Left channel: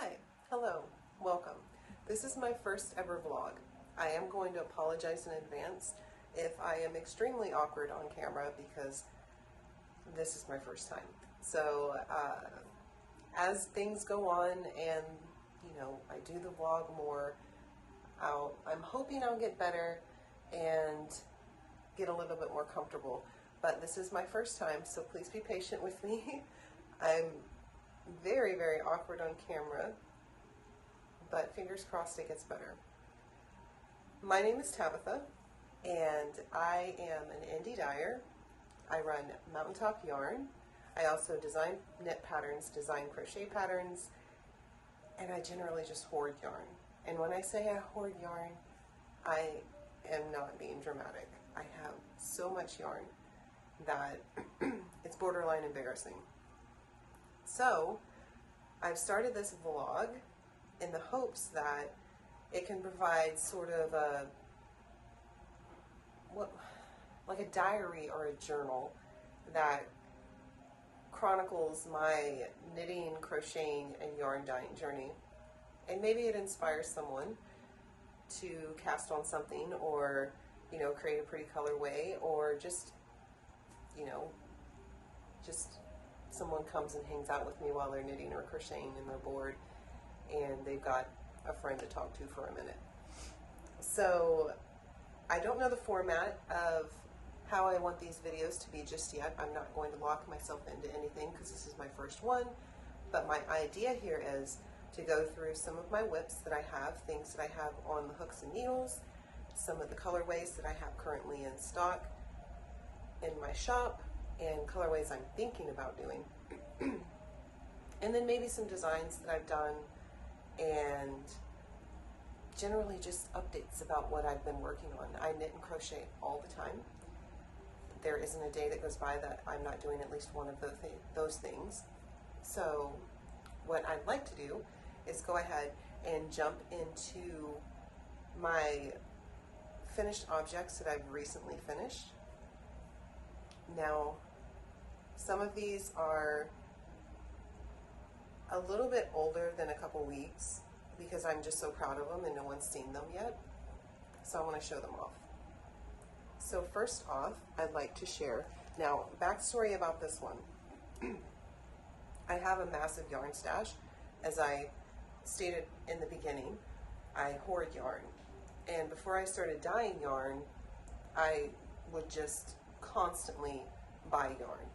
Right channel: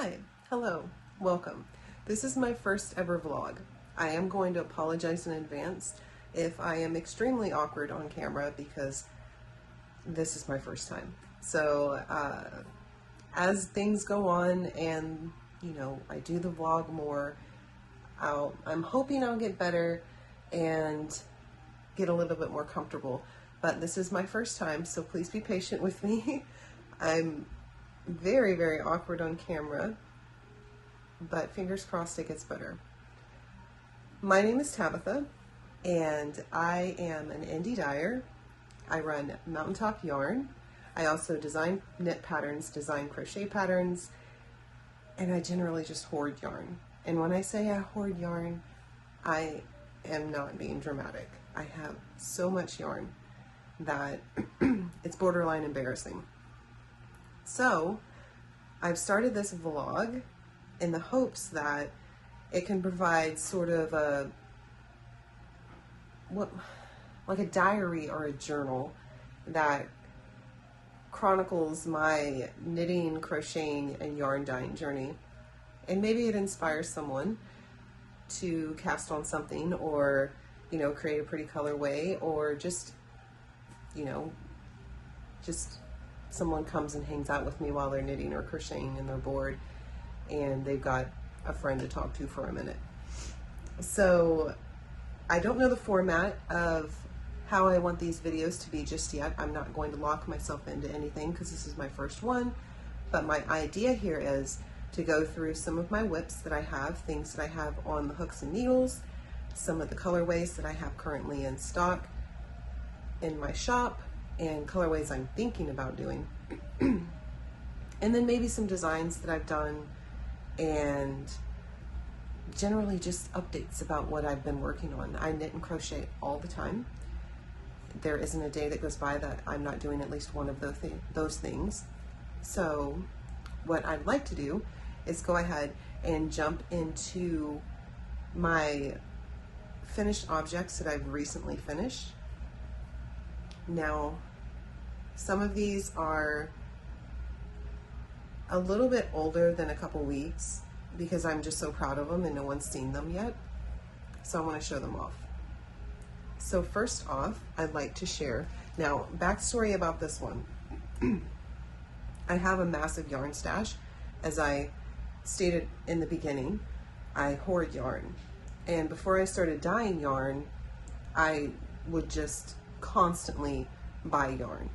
Hi, hello, welcome. This is my first ever vlog. I am going to apologize in advance if I am extremely awkward on camera because this is my first time. So as things go on and I do the vlog more, I'm hoping I'll get better and get a little bit more comfortable. But this is my first time, so please be patient with me. I'm very, very awkward on camera, but fingers crossed it gets better. My name is Tabitha, and I am an indie dyer. I run Mountaintop Yarn. I also design knit patterns, design crochet patterns, and I generally just hoard yarn. And when I say I hoard yarn, I am not being dramatic. I have so much yarn that it's borderline embarrassing. So I've started this vlog in the hopes that it can provide sort of like a diary or a journal that chronicles my knitting, crocheting, and yarn dyeing journey. And maybe it inspires someone to cast on something, or create a pretty colorway, or just someone comes and hangs out with me while they're knitting or crocheting and they're bored and they've got a friend to talk to for a minute. So I don't know the format of how I want these videos to be just yet. I'm not going to lock myself into anything because this is my first one, but my idea here is to go through some of my whips that I have, things that I have on the hooks and needles, some of the colorways that I have currently in stock in my shop, and colorways I'm thinking about doing. And then maybe some designs that I've done, and generally just updates about what I've been working on. I knit and crochet all the time. There isn't a day that goes by that I'm not doing at least one of those things. So what I'd like to do is go ahead and jump into my finished objects that I've recently finished. Now, some of these are a little bit older than a couple weeks because I'm just so proud of them and no one's seen them yet. So I want to show them off. So first off, I'd like to share, now backstory about this one. I have a massive yarn stash. As I stated in the beginning, I hoard yarn. And before I started dyeing yarn, I would just constantly buy yarn.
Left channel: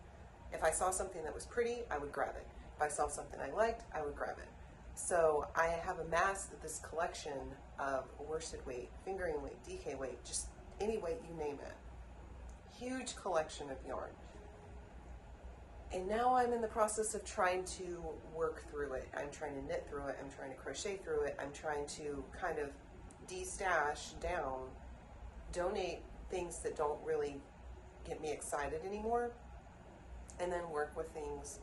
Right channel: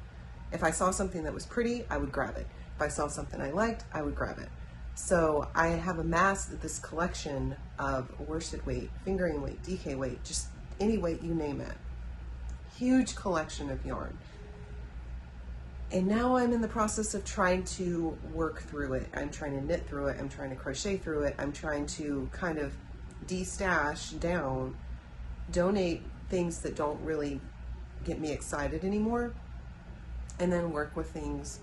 If I saw something that was pretty, I would grab it. If I saw something I liked, I would grab it. So I have amassed this collection of worsted weight, fingering weight, DK weight, just any weight you name it. Huge collection of yarn. And now I'm in the process of trying to work through it. I'm trying to knit through it. I'm trying to crochet through it. I'm trying to kind of de-stash down, donate things that don't really get me excited anymore, and then work with things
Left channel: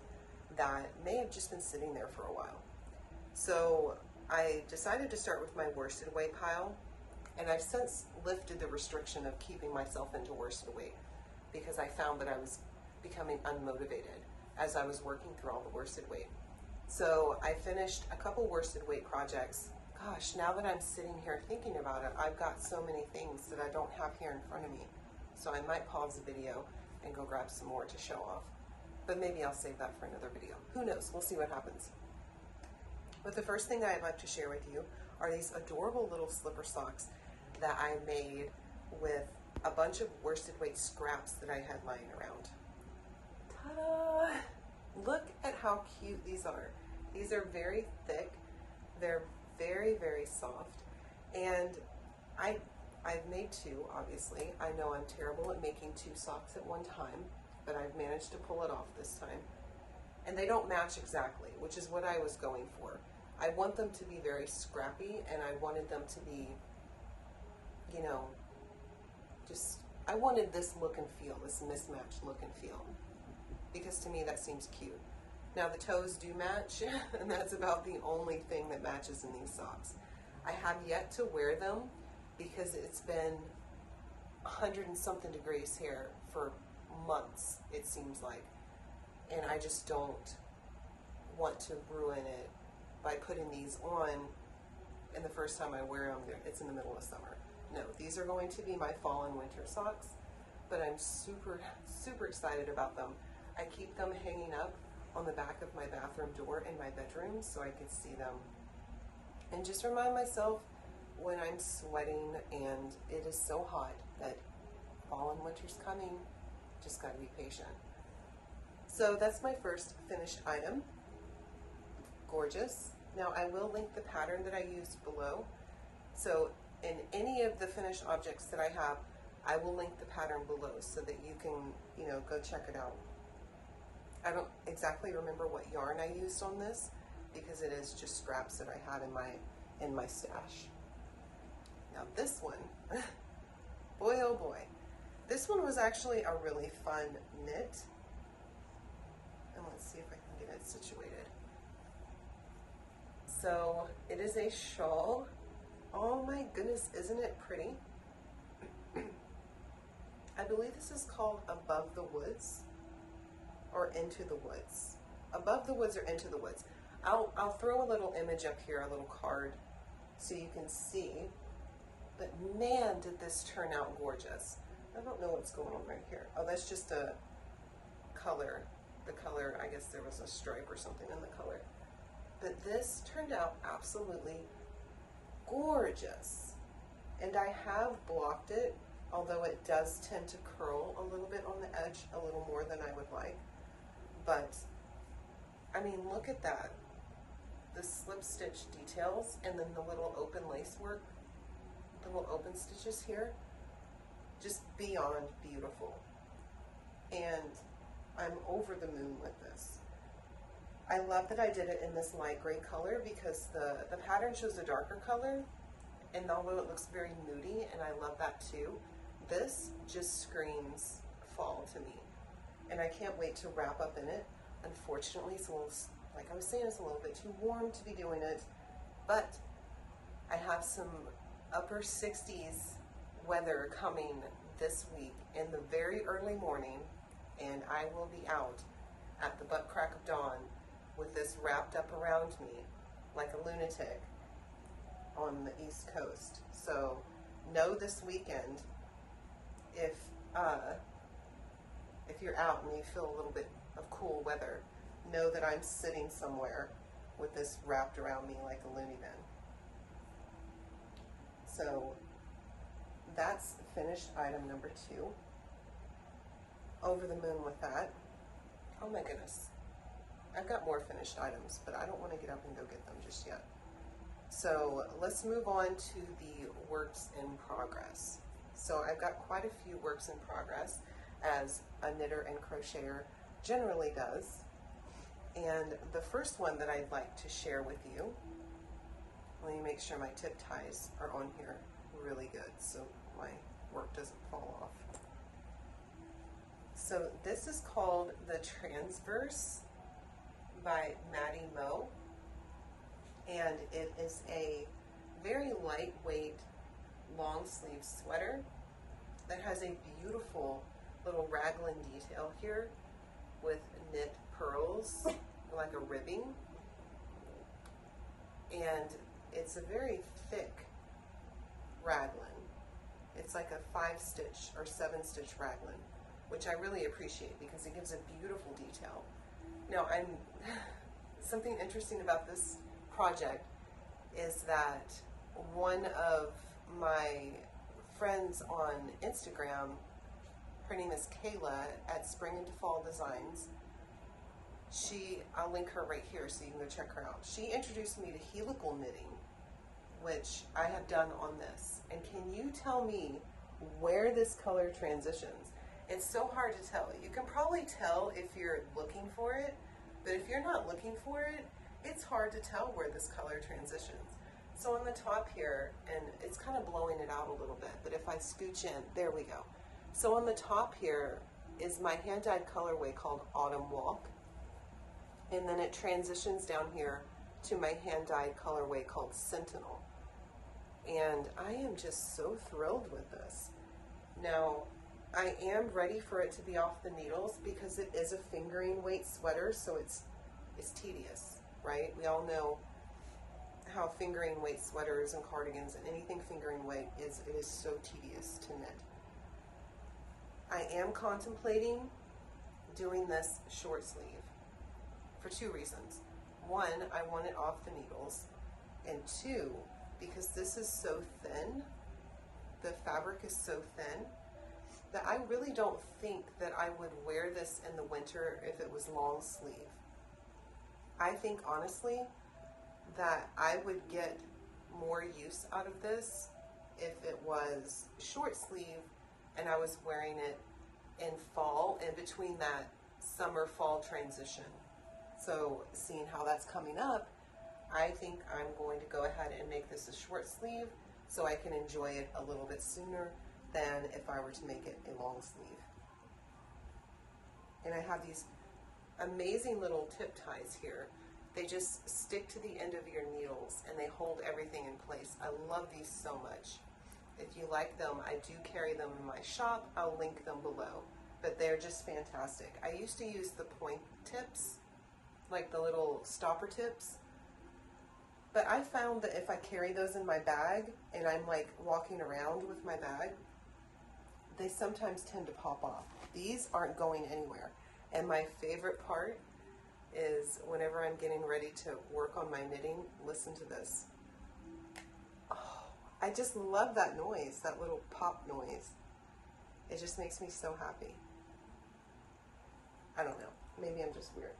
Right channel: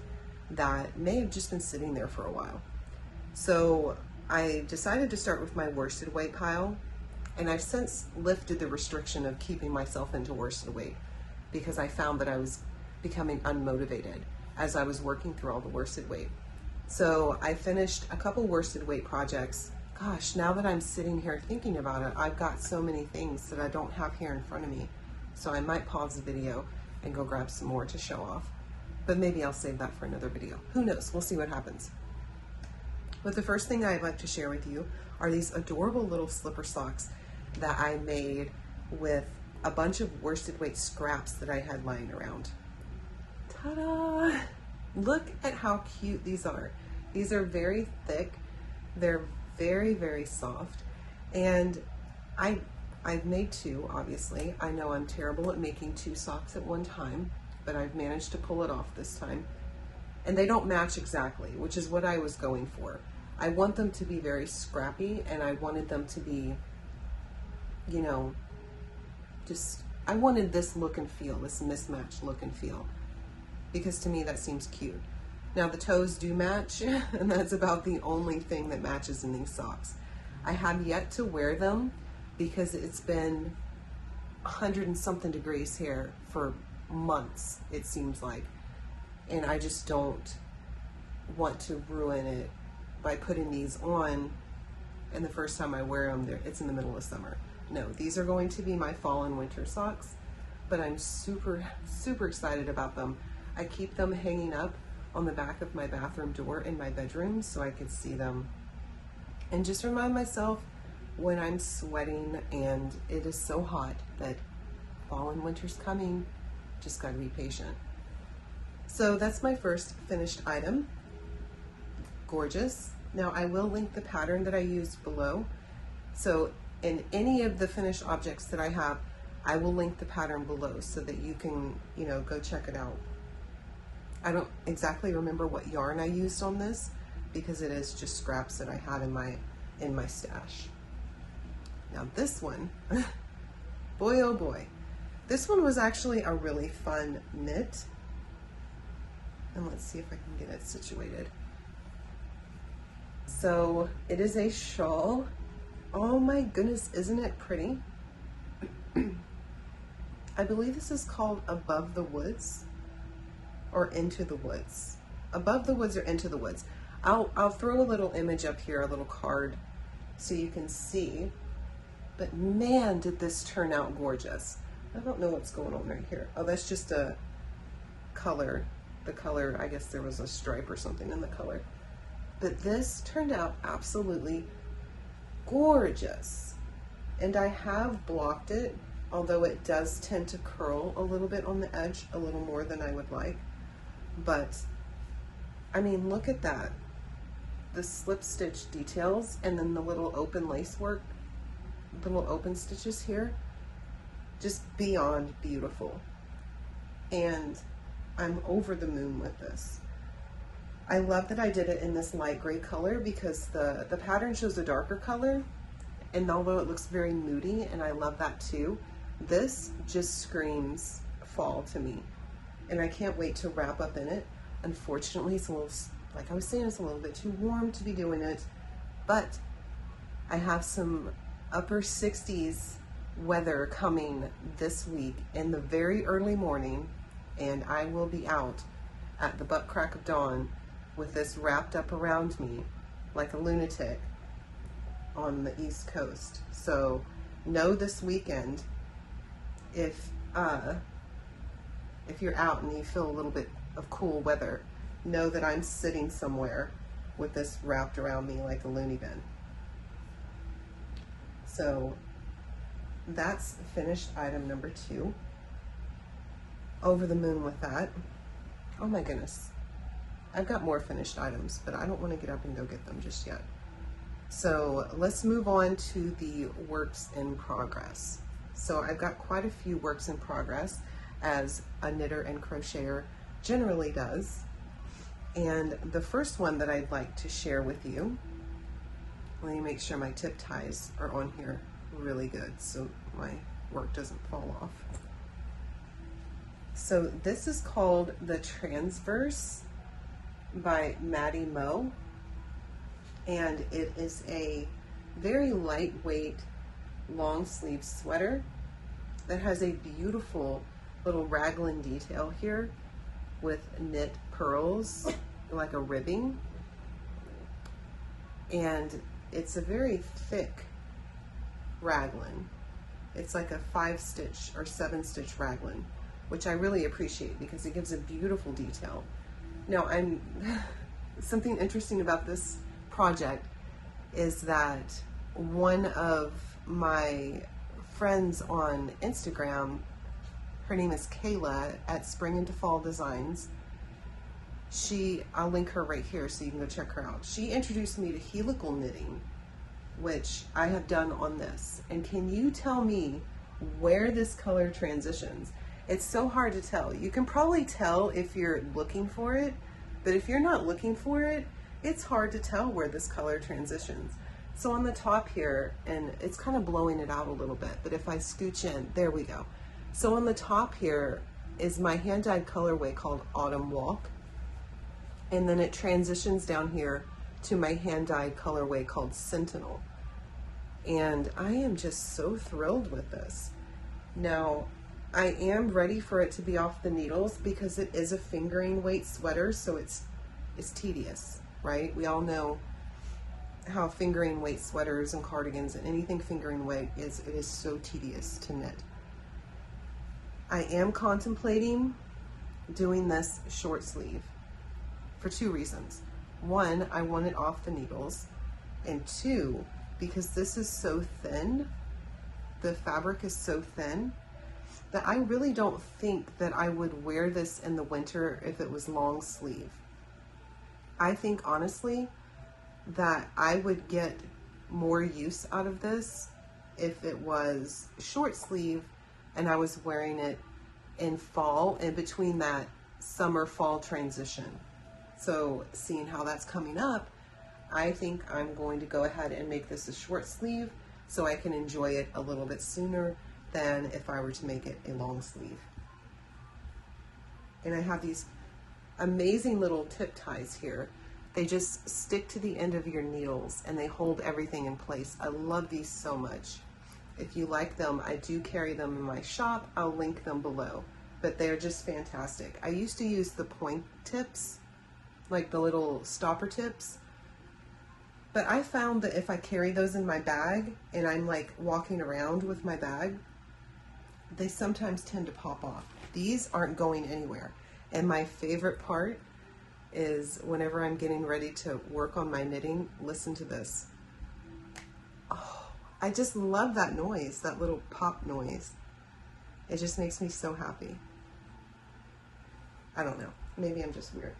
that may have just been sitting there for a while. So I decided to start with my worsted weight pile, and I've since lifted the restriction of keeping myself into worsted weight because I found that I was becoming unmotivated as I was working through all the worsted weight. So I finished a couple worsted weight projects. Gosh, now that I'm sitting here thinking about it, I've got so many things that I don't have here in front of me. So I might pause the video and go grab some more to show off. But maybe I'll save that for another video. Who knows? We'll see what happens. But the first thing I'd like to share with you are these adorable little slipper socks that I made with a bunch of worsted weight scraps that I had lying around. Ta-da! Look at how cute these are. These are very thick. They're very, very soft. And I've made two, obviously. I know I'm terrible at making two socks at one time, but I've managed to pull it off this time. And they don't match exactly, which is what I was going for. I want them to be very scrappy, and I wanted them to be, I wanted this look and feel, this mismatched look and feel, because to me that seems cute. Now the toes do match, and that's about the only thing that matches in these socks. I have yet to wear them because it's been 100 and something degrees here for months, it seems like, and I just don't want to ruin it by putting these on and the first time I wear them, it's in the middle of summer. No, these are going to be my fall and winter socks, but I'm super, super excited about them. I keep them hanging up on the back of my bathroom door in my bedroom so I can see them and just remind myself when I'm sweating and it is so hot that fall and winter's coming, just gotta be patient. So that's my first finished item. Gorgeous. Now I will link the pattern that I used below. So in any of the finished objects that I have, I will link the pattern below so that you can, you know, go check it out. I don't exactly remember what yarn I used on this because it is just scraps that I had in my stash. Now this one, boy oh boy. This one was actually a really fun knit. And let's see if I can get it situated. So it is a shawl. Oh my goodness, isn't it pretty? I believe this is called Above the Woods or Into the Woods. Above the Woods or Into the Woods. I'll throw a little image up here, a little card, so you can see. But man, did this turn out gorgeous. I don't know what's going on right here. Oh, that's just a color. The color, I guess there was a stripe or something in the color. But this turned out absolutely gorgeous. And I have blocked it, although it does tend to curl a little bit on the edge, a little more than I would like. But, I mean, look at that. The slip stitch details and then the little open lace work, little open stitches here, just beyond beautiful. And I'm over the moon with this. I love that I did it in this light gray color because the pattern shows a darker color, and although it looks very moody, and I love that too, this just screams fall to me. And I can't wait to wrap up in it. Unfortunately, it's a little, like I was saying, it's a little bit too warm to be doing it, but I have some upper 60s weather coming this week in the very early morning, and I will be out at the butt crack of dawn with this wrapped up around me like a lunatic on the East Coast. So know this weekend, if you're out and you feel a little bit of cool weather, know that I'm sitting somewhere with this wrapped around me like a loony bin. So that's finished item number 2. Over the moon with that. Oh my goodness. I've got more finished items, but I don't want to get up and go get them just yet. So let's move on to the works in progress. So I've got quite a few works in progress, as a knitter and crocheter generally does. And the first one that I'd like to share with you, let me make sure my tip ties are on here really good so my work doesn't fall off. So this is called the Transverse by Maddie Moe, and it is a very lightweight long sleeve sweater that has a beautiful little raglan detail here with knit pearls like a ribbing, and it's a very thick raglan. It's like a 5-stitch or 7-stitch raglan, which I really appreciate because it gives a beautiful detail. Now, something interesting about this project is that one of my friends on Instagram, her name is Kayla at Spring into Fall Designs. I'll link her right here so you can go check her out. She introduced me to helical knitting, which I have done on this. And can you tell me where this color transitions? It's so hard to tell. You can probably tell if you're looking for it, but if you're not looking for it, it's hard to tell where this color transitions. So on the top here, and it's kind of blowing it out a little bit, but if I scooch in, there we go. So on the top here is my hand-dyed colorway called Autumn Walk, and then it transitions down here to my hand-dyed colorway called Sentinel. And I am just so thrilled with this. Now, I am ready for it to be off the needles because it is a fingering weight sweater, so it's tedious, right? We all know how fingering weight sweaters and cardigans and anything fingering weight it is so tedious to knit. I am contemplating doing this short sleeve for two reasons. One, I want it off the needles, and two, because this is so thin, the fabric is so thin, that I really don't think that I would wear this in the winter if it was long sleeve. I think honestly that I would get more use out of this if it was short sleeve and I was wearing it in fall, in between that summer fall transition. So seeing how that's coming up, I think I'm going to go ahead and make this a short sleeve so I can enjoy it a little bit sooner than if I were to make it a long sleeve. And I have these amazing little tip ties here. They just stick to the end of your needles and they hold everything in place. I love these so much. If you like them, I do carry them in my shop. I'll link them below, but they're just fantastic. I used to use the point tips, like the little stopper tips, but I found that if I carry those in my bag and I'm like walking around with my bag, they sometimes tend to pop off. These aren't going anywhere. And my favorite part is whenever I'm getting ready to work on my knitting, listen to this. Oh, I just love that noise, that little pop noise. It just makes me so happy. I don't know, maybe I'm just weird.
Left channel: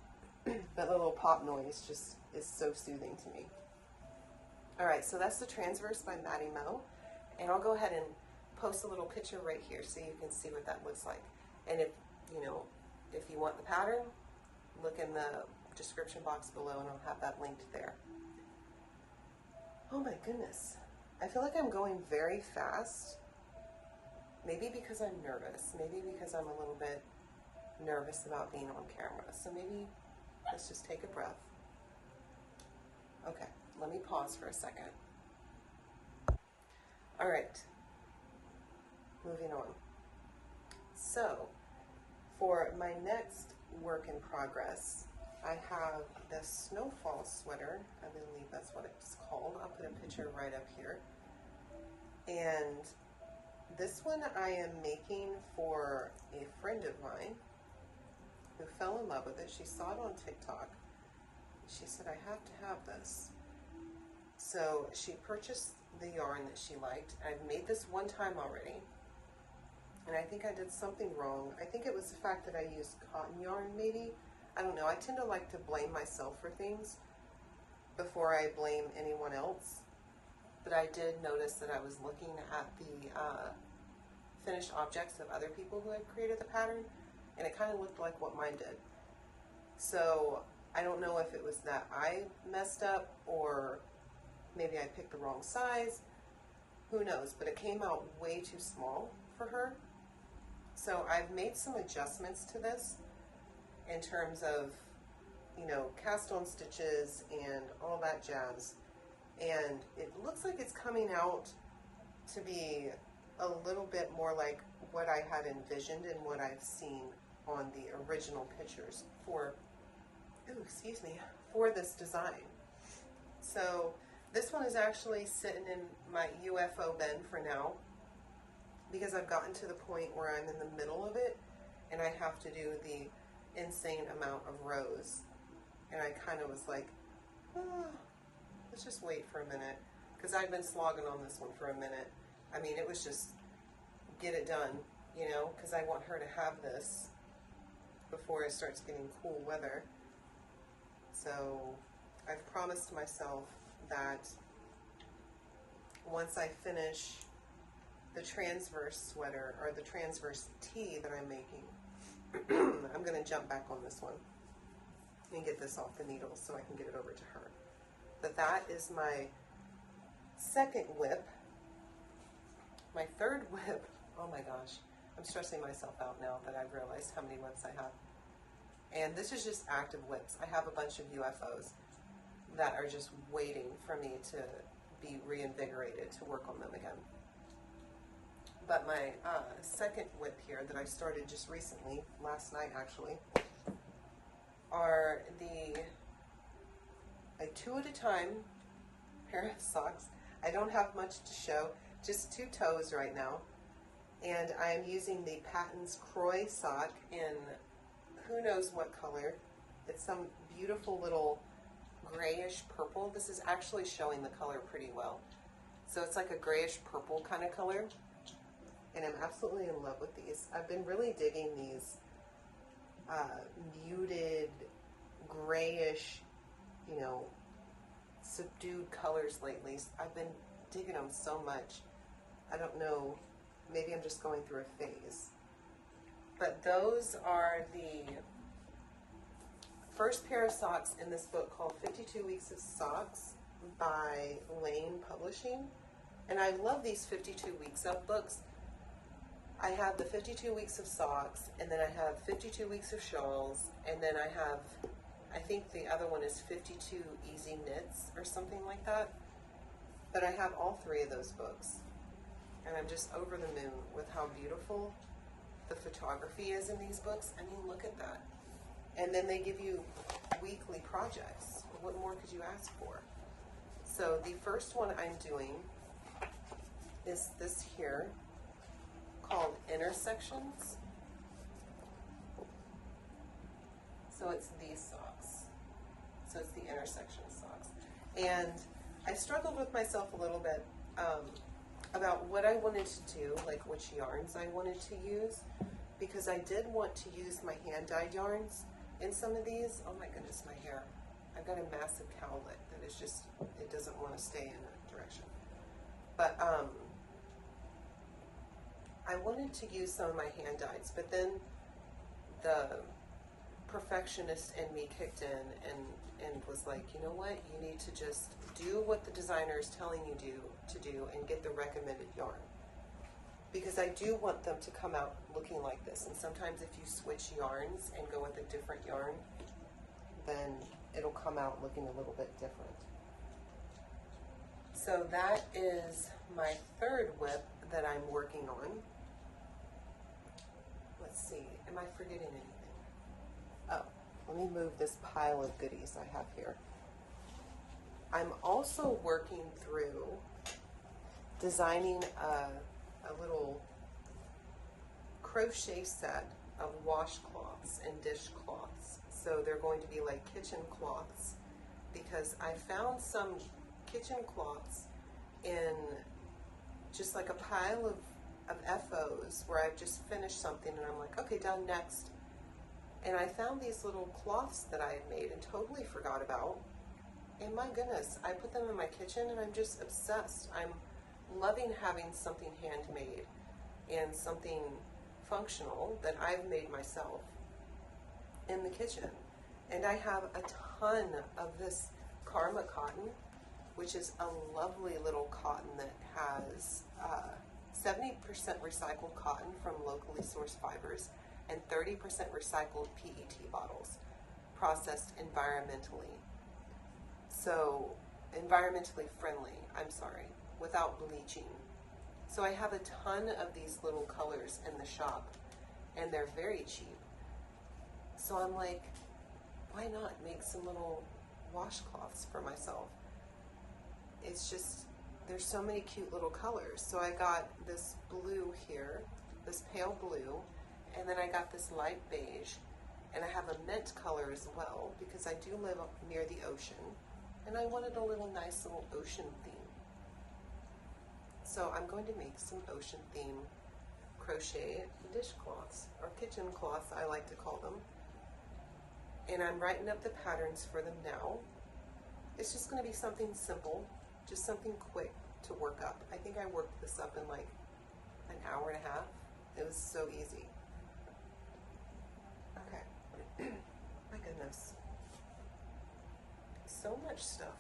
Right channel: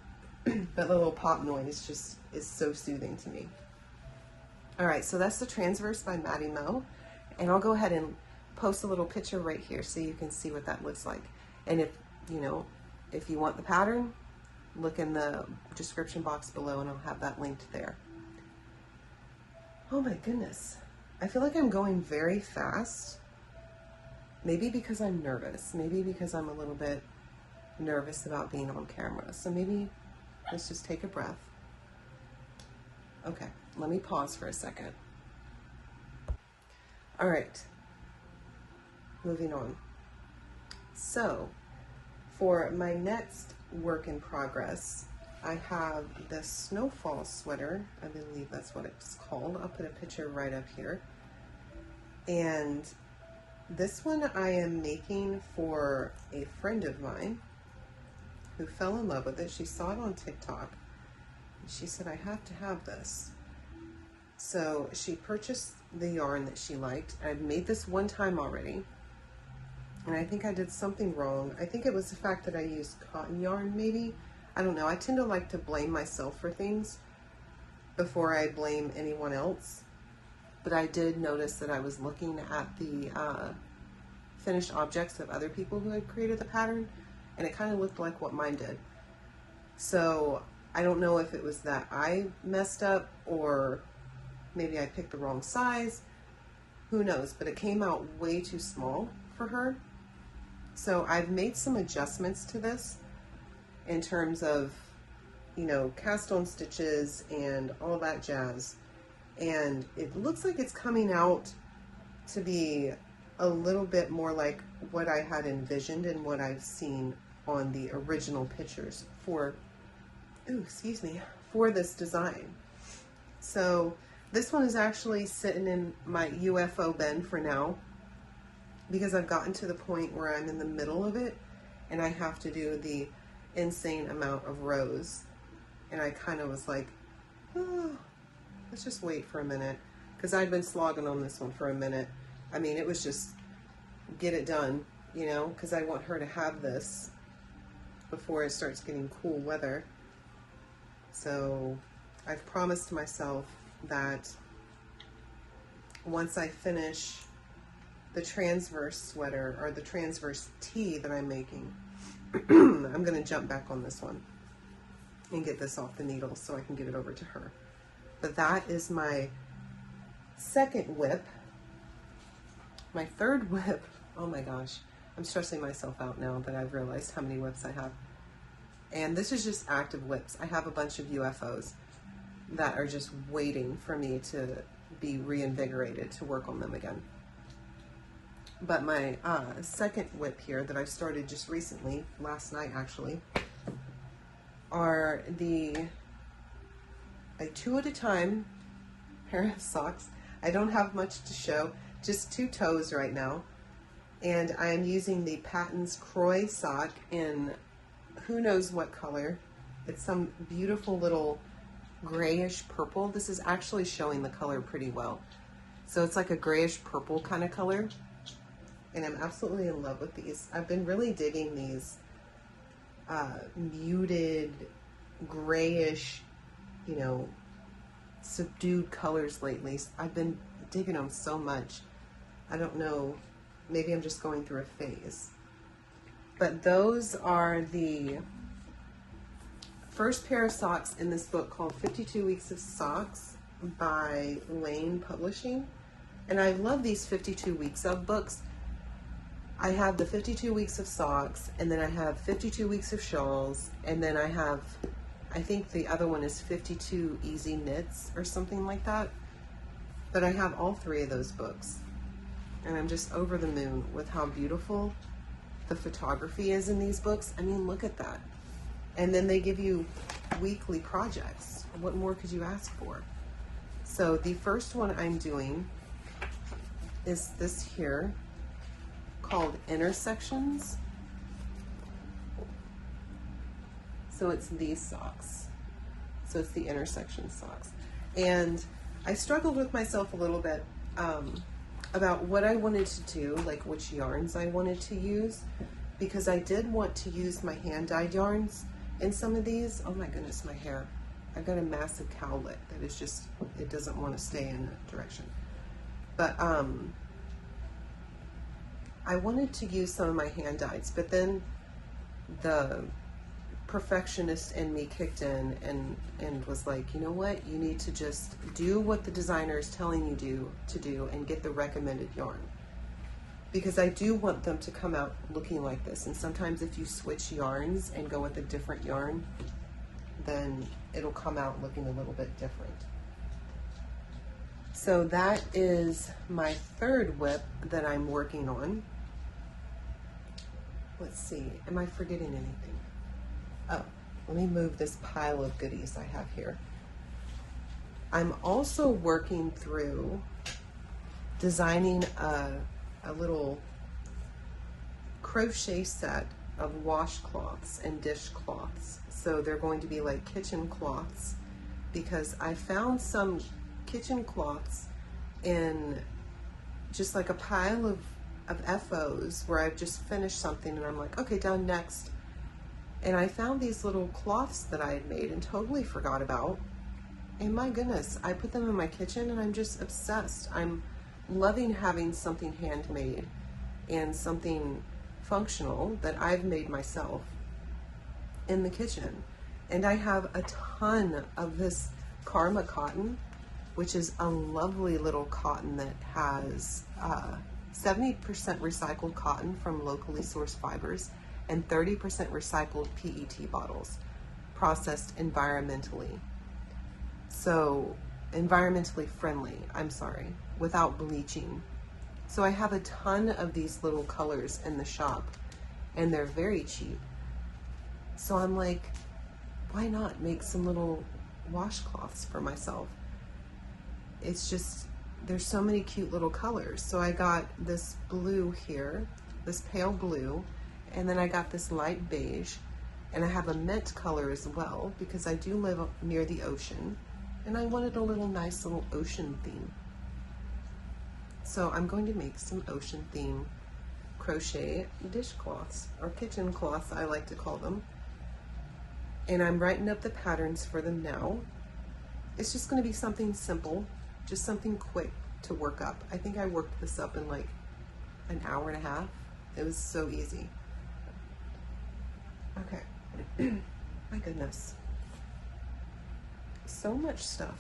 But the little pop noise just is so soothing to me. All right, so that's the Transverse by Maddie Mo. And I'll go ahead and post a little picture right here so you can see what that looks like. And if you want the pattern, look in the description box below and I'll have that linked there. Oh my goodness. I feel like I'm going very fast. Maybe because I'm nervous. Maybe because I'm a little bit nervous about being on camera. So maybe let's just take a breath. Okay, let me pause for a second. All right, moving on. So for my next work in progress, I have the snowfall sweater. I believe that's what it's called. I'll put a picture right up here. And this one I am making for a friend of mine who fell in love with it. She saw it on TikTok. And she said, I have to have this. So she purchased the yarn that she liked. I've made this one time already. And I think I did something wrong. I think it was the fact that I used cotton yarn, maybe. I don't know. I tend to like to blame myself for things before I blame anyone else. But I did notice that I was looking at the finished objects of other people who had created the pattern, and it kind of looked like what mine did. So I don't know if it was that I messed up or maybe I picked the wrong size. Who knows? But it came out way too small for her. So I've made some adjustments to this in terms of, cast on stitches and all that jazz. And it looks like it's coming out to be a little bit more like what I had envisioned and what I've seen on the original pictures for this design. So this one is actually sitting in my UFO bin for now, because I've gotten to the point where I'm in the middle of it and I have to do the insane amount of rows. And I kind of was like, oh, let's just wait for a minute, because I'd been slogging on this one for a minute. I mean, it was just get it done, because I want her to have this before it starts getting cool weather. So I've promised myself that once I finish the transverse sweater, or the transverse tee that I'm making, I'm going to jump back on this one and get this off the needle so I can get it over to her. But that is my second whip. My third whip, oh my gosh, I'm stressing myself out now that I've realized how many whips I have. And this is just active whips. I have a bunch of UFOs that are just waiting for me to be reinvigorated to work on them again. But my second whip here that I started just recently, last night actually, are the 2 at a time pair of socks. I don't have much to show, just 2 toes right now. And I am using the Patton's Crochet sock in who knows what color. It's some beautiful little grayish purple. This is actually showing the color pretty well. So it's like a grayish purple kind of color. And I'm absolutely in love with these. I've been really digging these muted grayish, you know, subdued colors lately. I've been digging them so much. I don't know, maybe I'm just going through a phase. But those are the first pair of socks in this book called 52 Weeks of Socks by Lane Publishing. And I love these 52 weeks of books. I have the 52 weeks of socks, and then I have 52 weeks of shawls, and then I have, I think the other one is 52 easy knits or something like that. But I have all 3 of those books, and I'm just over the moon with how beautiful the photography is in these books. I mean, look at that. And then they give you weekly projects. What more could you ask for? So the first one I'm doing is this here, called Intersections. So it's these socks. So it's the intersection socks. And I struggled with myself a little bit about what I wanted to do, like which yarns I wanted to use, because I did want to use my hand-dyed yarns in some of these. Oh my goodness, my hair. I've got a massive cowlet that is just, it doesn't want to stay in a direction. But I wanted to use some of my hand dyes, but then the perfectionist in me kicked in and was like, you know what, you need to just do what the designer is telling you to do and get the recommended yarn, because I do want them to come out looking like this. And sometimes if you switch yarns and go with a different yarn, then it'll come out looking a little bit different. So that is my 3rd whip that I'm working on. Let's see, am I forgetting anything? Oh, let me move this pile of goodies I have here. I'm also working through designing a little crochet set of washcloths and dishcloths. So they're going to be like kitchen cloths, because I found some kitchen cloths in just like a pile of FOs where I've just finished something and I'm like, okay, done, next. And I found these little cloths that I had made and totally forgot about. And my goodness, I put them in my kitchen and I'm just obsessed. I'm loving having something handmade and something functional that I've made myself in the kitchen. And I have a ton of this Karma cotton, which is a lovely little cotton that has 70% recycled cotton from locally sourced fibers and 30% recycled PET bottles, processed environmentally. So environmentally friendly, I'm sorry, without bleaching. So I have a ton of these little colors in the shop and they're very cheap. So I'm like, why not make some little washcloths for myself? It's just, there's so many cute little colors. So I got this blue here, this pale blue, and then I got this light beige, and I have a mint color as well because I do live near the ocean and I wanted a little nice little ocean theme. So I'm going to make some ocean theme crochet dishcloths, or kitchen cloths I like to call them. And I'm writing up the patterns for them now. It's just going to be something simple, just something quick to work up. I think I worked this up in like an hour and a half. It was so easy. Okay. My goodness. So much stuff.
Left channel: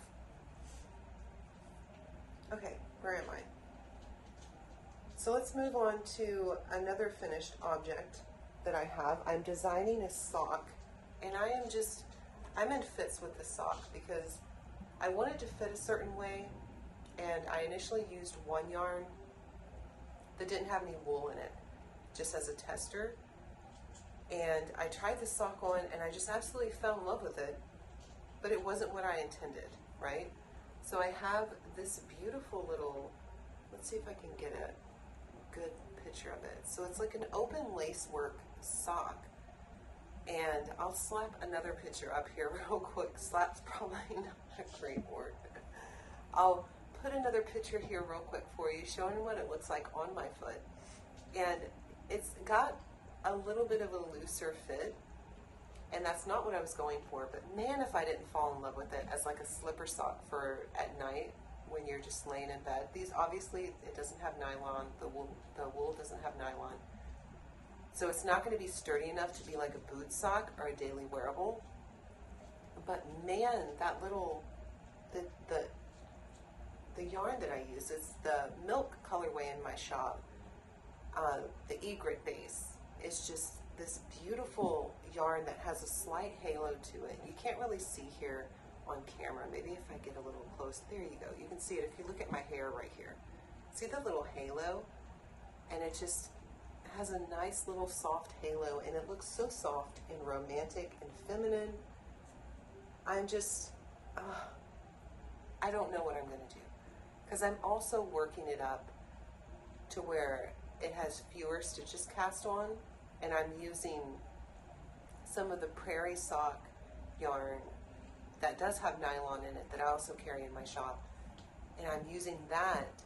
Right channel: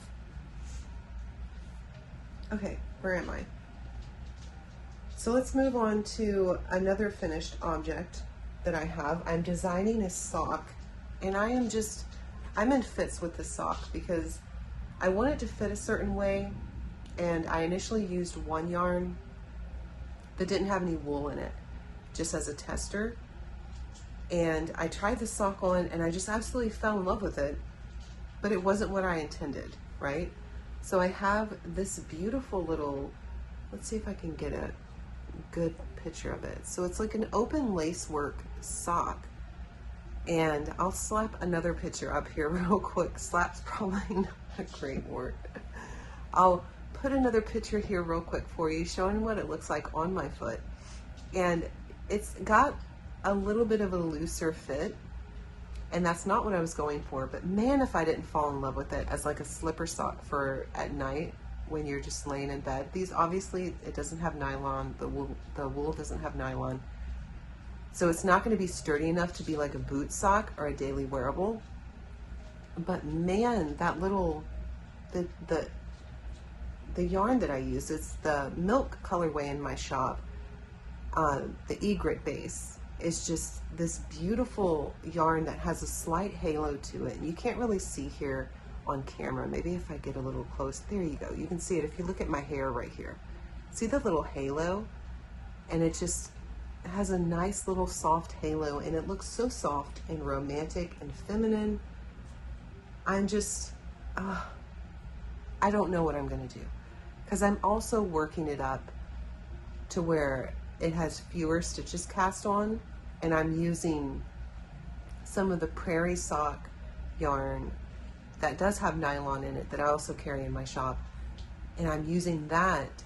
Okay, where am I? So let's move on to another finished object that I have. I'm designing a sock, and I'm in fits with the sock because I want it to fit a certain way, and I initially used one yarn that didn't have any wool in it, just as a tester. And I tried the sock on and I just absolutely fell in love with it, but it wasn't what I intended, right? So I have this beautiful little, let's see if I can get a good picture of it. So it's like an open lacework sock. And I'll slap another picture up here real quick. Slap's probably not a great word. I'll put another picture here real quick for you, showing what it looks like on my foot. And it's got a little bit of a looser fit, and that's not what I was going for, but man, if I didn't fall in love with it as like a slipper sock for at night when you're just laying in bed. These, obviously, it doesn't have nylon, the wool doesn't have nylon. So it's not going to be sturdy enough to be like a boot sock or a daily wearable. But man, that little, the yarn that I use, it's the Milk colorway in my shop. The egret base is just this beautiful yarn that has a slight halo to it. And you can't really see here on camera. Maybe if I get a little close, there you go. You can see it if you look at my hair right here. See the little halo? And it just has a nice little soft halo, and it looks so soft and romantic and feminine. I'm just, I don't know what I'm gonna do, because I'm also working it up to where it has fewer stitches cast on, and I'm using some of the prairie sock yarn that does have nylon in it that I also carry in my shop, and I'm using that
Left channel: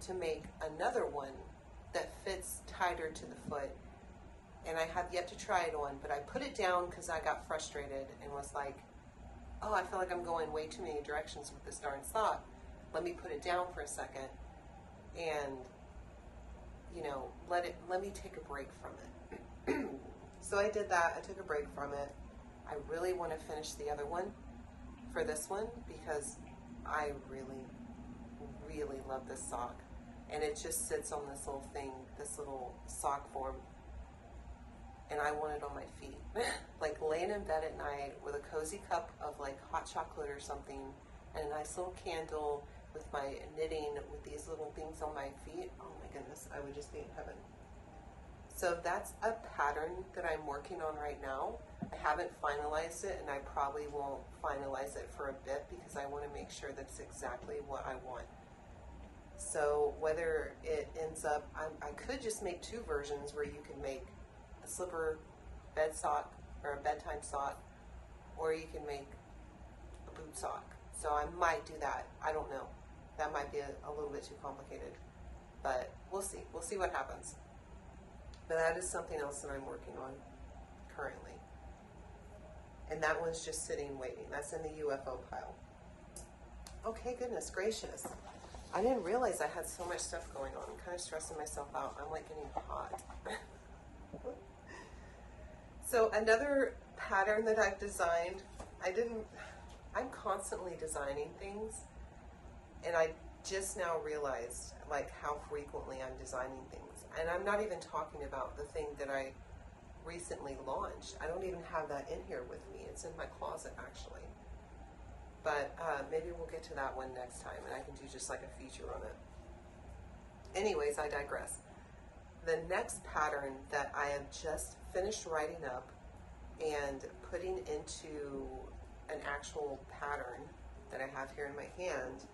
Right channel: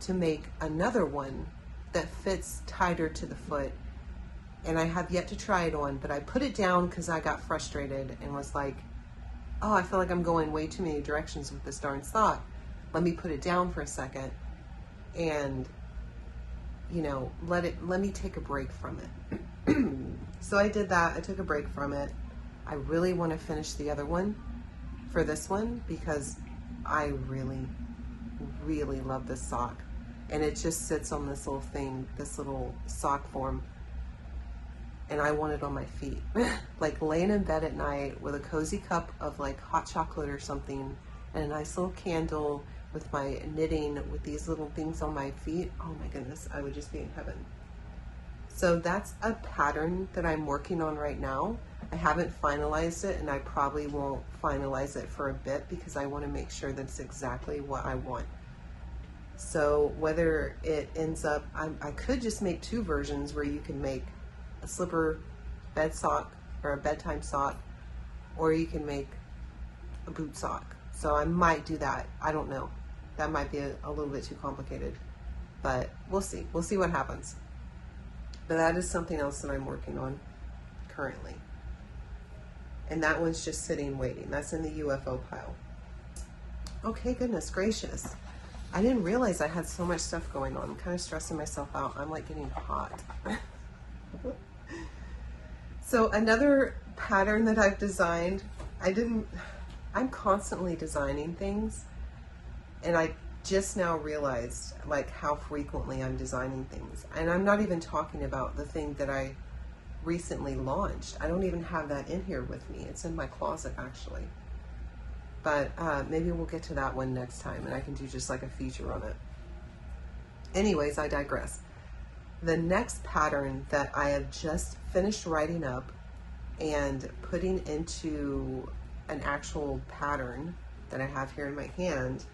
to make another one that fits tighter to the foot. And I have yet to try it on, but I put it down because I got frustrated and was like, oh, I feel like I'm going way too many directions with this darn sock. Let me put it down for a second and, you know, let me take a break from it. So I did that. I took a break from it. I really want to finish the other one for this one because I really, really love this sock. And it just sits on this little thing, this little sock form. And I want it on my feet. Like laying in bed at night with a cozy cup of like hot chocolate or something and a nice little candle with my knitting with these little things on my feet. Oh my goodness, I would just be in heaven. So that's a pattern that I'm working on right now. I haven't finalized it, and I probably won't finalize it for a bit because I want to make sure that it's exactly what I want. So whether it ends up, I could just make two versions where you can make a slipper bed sock or a bedtime sock, or you can make a boot sock. So I might do that. I don't know. That might be a little bit too complicated, but we'll see. We'll see what happens. But that is something else that I'm working on currently. And that one's just sitting waiting. That's in the UFO pile. Okay, goodness gracious. I didn't realize I had so much stuff going on. I'm kind of stressing myself out. I'm like getting hot. So another pattern that I've designed, I'm constantly designing things, and I just now realized like how frequently I'm designing things. And I'm not even talking about the thing that I recently launched. I don't even have that in here with me. It's in my closet actually. But maybe we'll get to that one next time and I can do just like a feature on it. Anyways, I digress. The next pattern that I have just finished writing up and putting into an actual pattern that I have here in my hand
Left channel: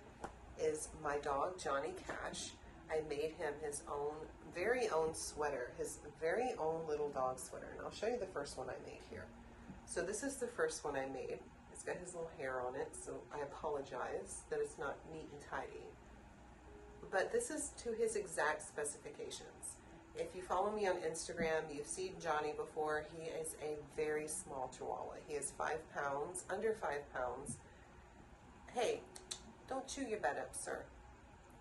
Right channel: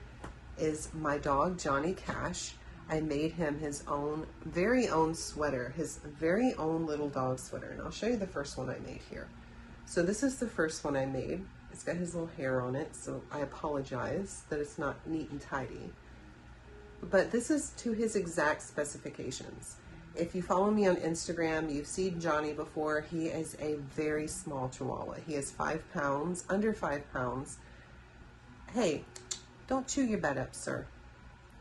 is my dog, Johnny Cash. I made him his own, very own sweater, his very own little dog sweater. And I'll show you the first one I made here. So this is the first one I made. It's got his little hair on it, so I apologize that it's not neat and tidy. But this is to his exact specifications. If you follow me on Instagram, you've seen Johnny before. He is a very small Chihuahua. He is 5 pounds, under 5 pounds. Hey, don't chew your bed up, sir.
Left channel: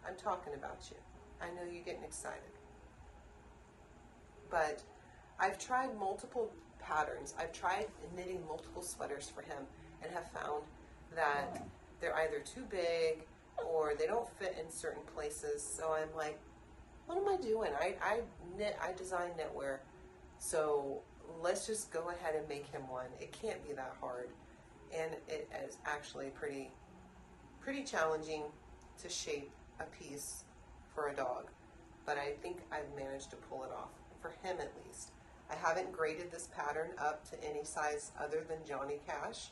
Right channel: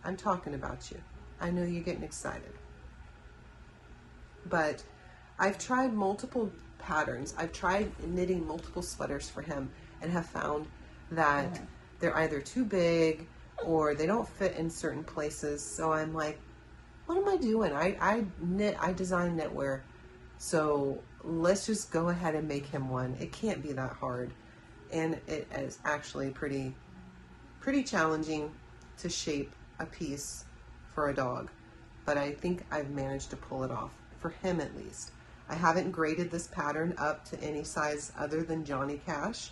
I'm talking about you. I know you're getting excited. But I've tried multiple patterns. I've tried knitting multiple sweaters for him and have found that they're either too big or they don't fit in certain places. So I'm like, what am I doing? I design knitwear. So let's just go ahead and make him one. It can't be that hard. And it is actually pretty challenging to shape a piece for a dog. But I think I've managed to pull it off, for him at least. I haven't graded this pattern up to any size other than Johnny Cash.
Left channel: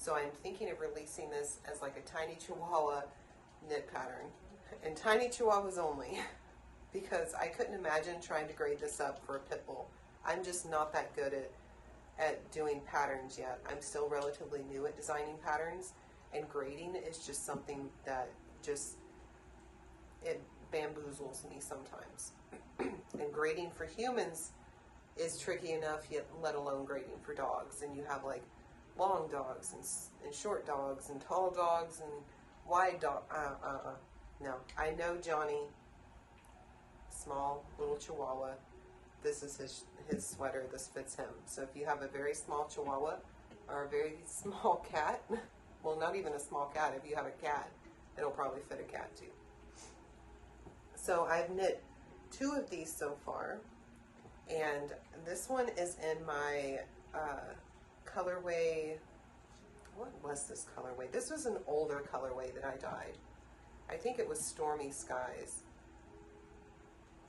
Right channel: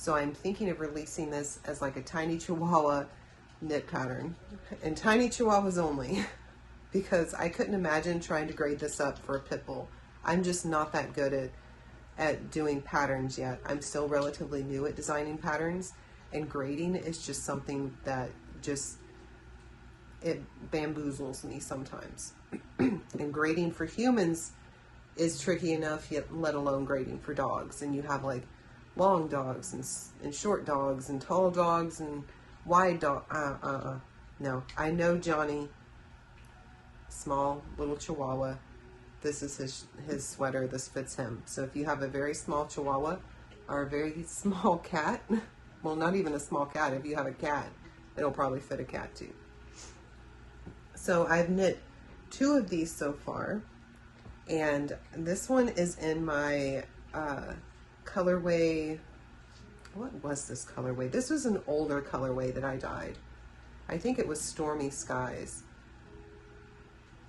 So I'm thinking of releasing this as like a tiny Chihuahua knit pattern, and tiny Chihuahuas only, because I couldn't imagine trying to grade this up for a pit bull. I'm just not that good at doing patterns yet. I'm still relatively new at designing patterns, and grading is just something that just, it bamboozles me sometimes. And grading for humans is tricky enough, yet let alone grading for dogs. And you have like long dogs and short dogs and tall dogs and wide dog. No, I know Johnny, small little Chihuahua. This is his sweater. This fits him. So if you have a very small Chihuahua or a very small cat, well, not even a small cat. If you have a cat, it'll probably fit a cat too. So I've knit 2 of these so far, and this one is in my colorway. What was this colorway? This was an older colorway that I dyed. I think it was Stormy Skies.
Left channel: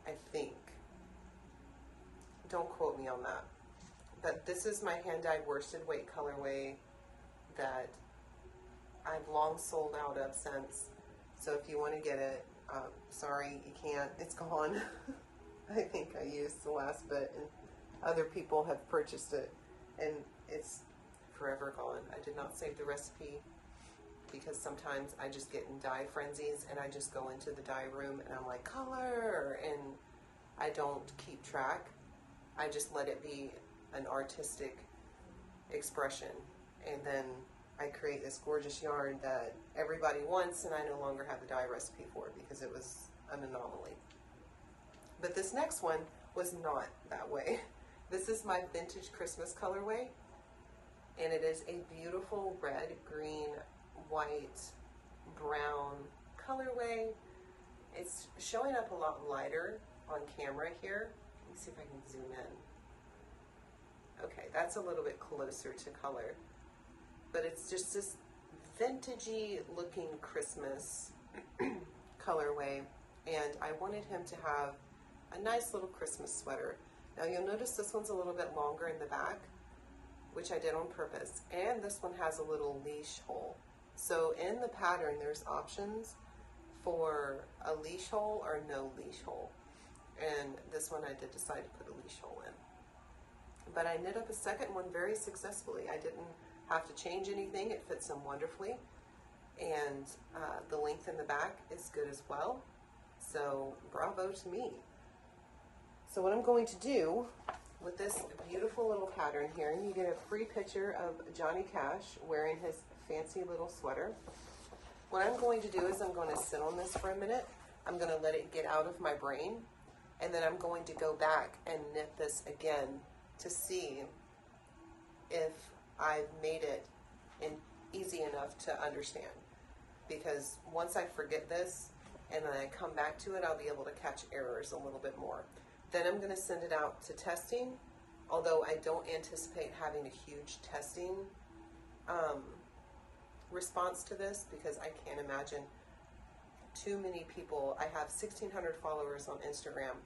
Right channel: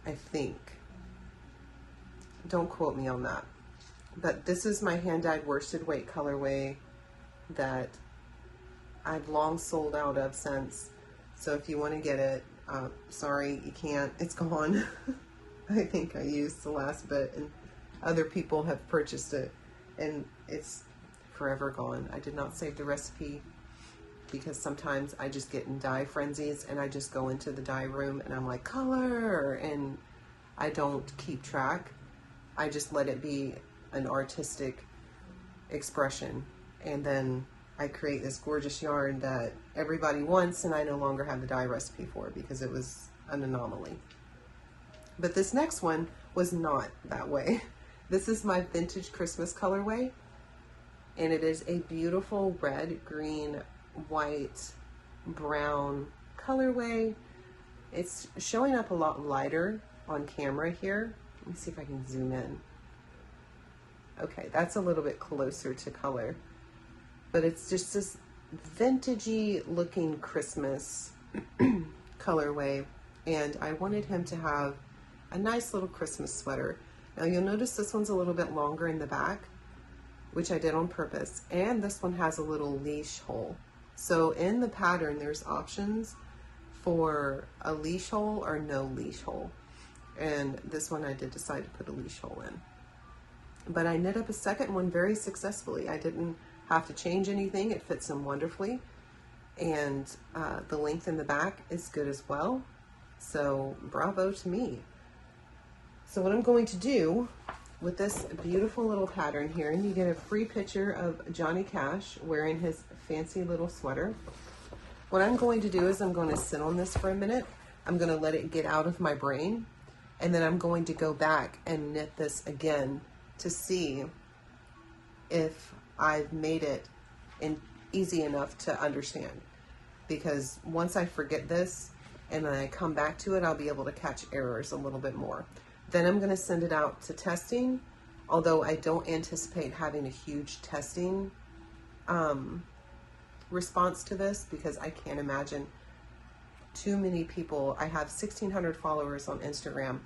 I think. Don't quote me on that. But this is my hand-dyed worsted weight colorway that I've long sold out of since. So if you want to get it, sorry, you can't. It's gone. I think I used the last bit, and other people have purchased it, and it's forever gone. I did not save the recipe because sometimes I just get in dye frenzies and I just go into the dye room and I'm like, color, and I don't keep track. I just let it be an artistic expression, and then I create this gorgeous yarn that everybody wants, and I no longer have the dye recipe for it because it was an anomaly. But this next one was not that way. This is my vintage Christmas colorway, and it is a beautiful red, green, white, brown colorway. It's showing up a lot lighter on camera here. Let me see if I can zoom in. Okay, that's a little bit closer to color, but it's just this vintagey looking Christmas colorway, and I wanted him to have a nice little Christmas sweater. Now you'll notice this one's a little bit longer in the back, which I did on purpose, and this one has a little leash hole. So in the pattern there's options for a leash hole or no leash hole, and this one I did decide to put a leash hole in. But I knit up a second one very successfully. I didn't have to change anything. It fits him wonderfully, and the length in the back is good as well. So bravo to me. So what I'm going to do with this beautiful little pattern here, and you get a free picture of Johnny Cash wearing his fancy little sweater. What I'm going to do is I'm going to sit on this for a minute. I'm going to let it get out of my brain, and then I'm going to go back and knit this again to see if I've made it easy enough to understand. Because once I forget this and then I come back to it, I'll be able to catch errors a little bit more. Then I'm going to send it out to testing, although I don't anticipate having a huge testing response to this, because I can't imagine too many people. I have 1,600 followers on Instagram,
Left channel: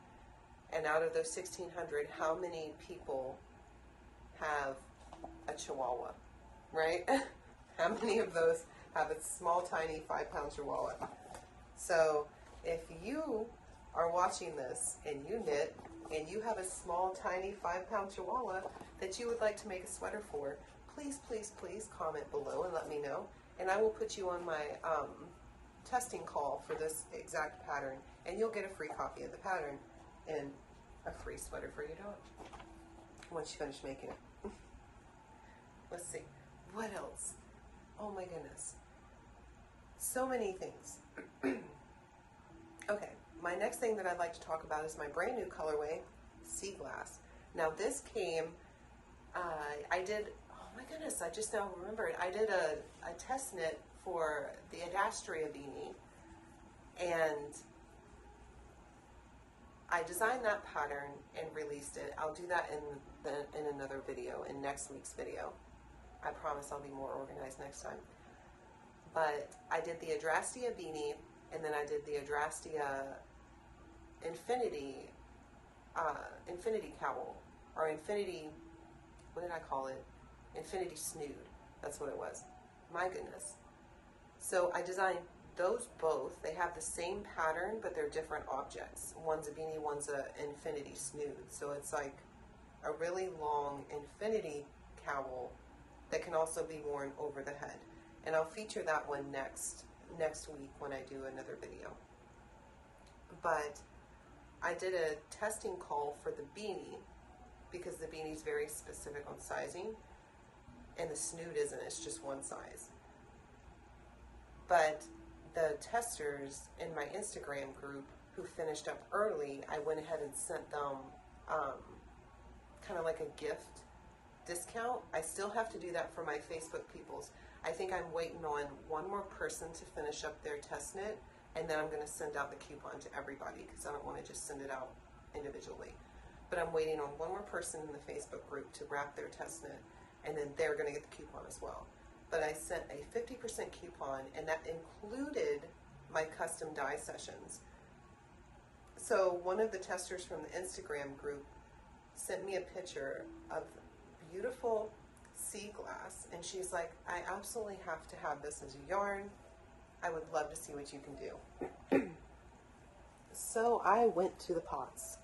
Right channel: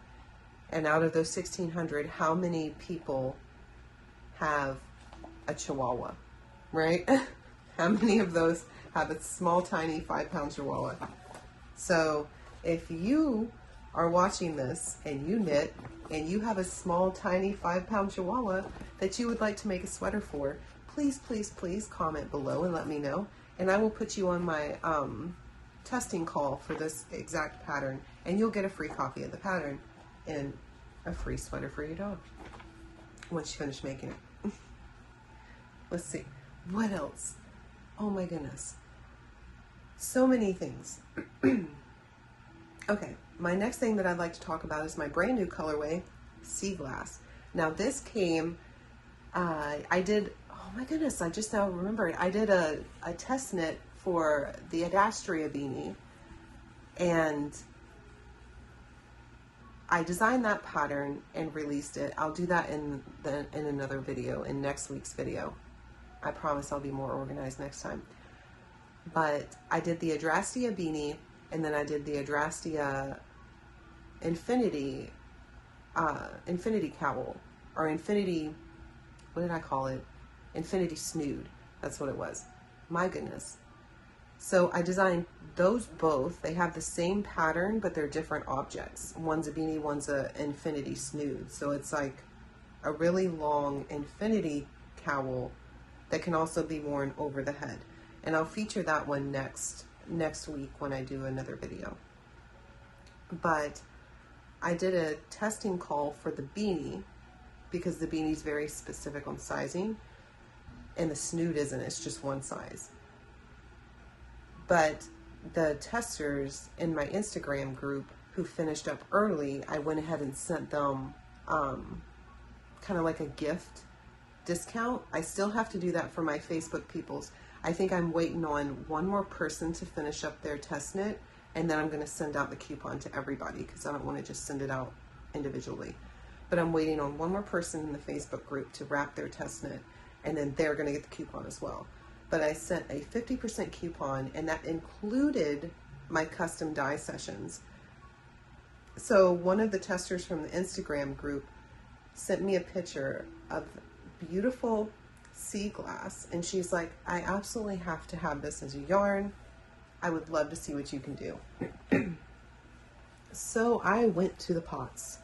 and out of those 1,600, how many people have a Chihuahua, right? How many of those have a small, tiny 5-pound Chihuahua? So if you are watching this and you knit and you have a small, tiny 5-pound Chihuahua that you would like to make a sweater for, please, please, please comment below and let me know. And I will put you on my testing call for this exact pattern, and you'll get a free copy of the pattern and a free sweater for your dog once you finish making it. Let's see, what else? Oh my goodness, so many things. Okay, my next thing that I'd like to talk about is my brand new colorway, Sea Glass. Now this came, I did, oh my goodness, I just now remembered, I did a test knit for the Adastria beanie, and I designed that pattern and released it. I'll do that in another video, in next week's video. I promise I'll be more organized next time. But I did the Adastria beanie, and then I did the Adastria infinity cowl, or infinity, what did I call it? Infinity snood, that's what it was. My goodness. So I designed those both. They have the same pattern, but they're different objects. One's a beanie, one's a infinity snood. So it's like a really long infinity cowl that can also be worn over the head. And I'll feature that one next week when I do another video. But I did a testing call for the beanie because the beanie's very specific on sizing and the snood isn't, it's just one size. But the testers in my Instagram group who finished up early, I went ahead and sent them kind of like a gift discount. I still have to do that for my Facebook peoples. I think I'm waiting on one more person to finish up their test knit, and then I'm going to send out the coupon to everybody because I don't want to just send it out individually. But I'm waiting on one more person in the Facebook group to wrap their test knit, and then they're going to get the coupon as well. But I sent a 50% coupon, and that included my custom dye sessions. So one of the testers from the Instagram group sent me a picture of beautiful sea glass, and she's like, I absolutely have to have this as a yarn. I would love to see what you can do. So I went to the pots,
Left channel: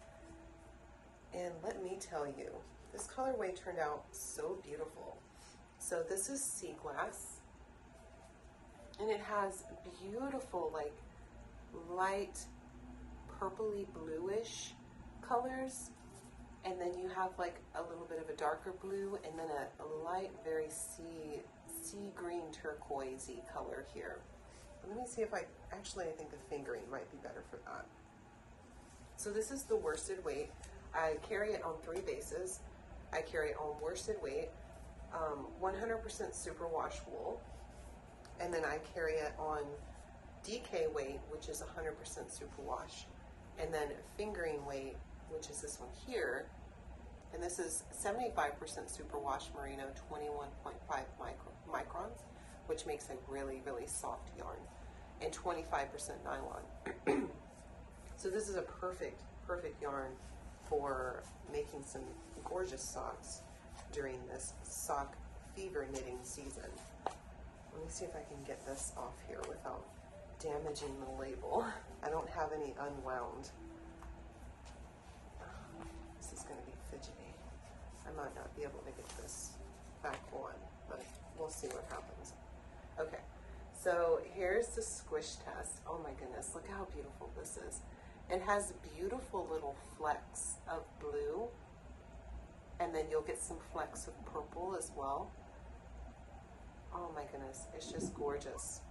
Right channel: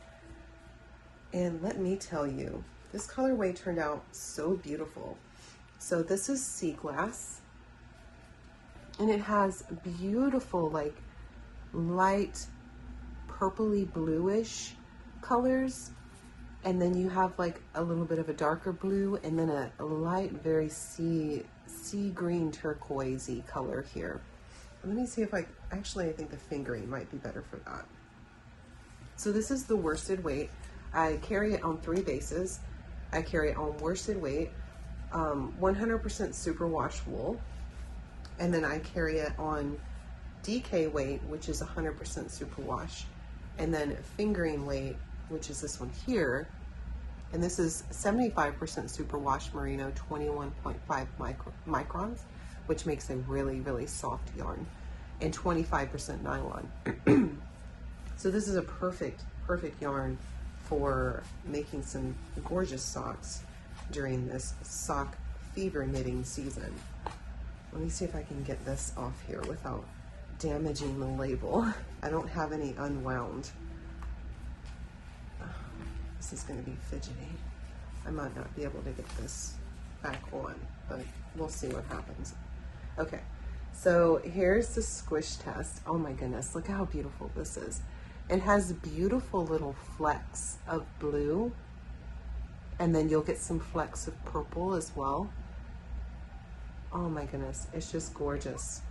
and let me tell you, this colorway turned out so beautiful. So this is sea glass, and it has beautiful like light purpley bluish colors, and then you have like a little bit of a darker blue, and then a light very sea green turquoisey color here. Let me see if I think the fingering might be better for that. So this is the worsted weight. I carry it on 3 bases. I carry it on worsted weight, 100% superwash wool, and then I carry it on DK weight, which is 100% superwash, and then fingering weight, which is this one here, and this is 75% superwash merino, 21.5 microns, which makes a really, really soft yarn, and 25% nylon. So this is a perfect yarn for making some gorgeous socks during this sock fever knitting season. Let me see if I can get this off here without damaging the label. I don't have any unwound. This is going to be fidgety. I might not be able to get this back on, but we'll see what happens. Okay, so here's the squish test. Oh my goodness, look how beautiful this is. It has beautiful little flecks of blue, and then you'll get some flecks of purple as well. Oh my goodness, it's just gorgeous.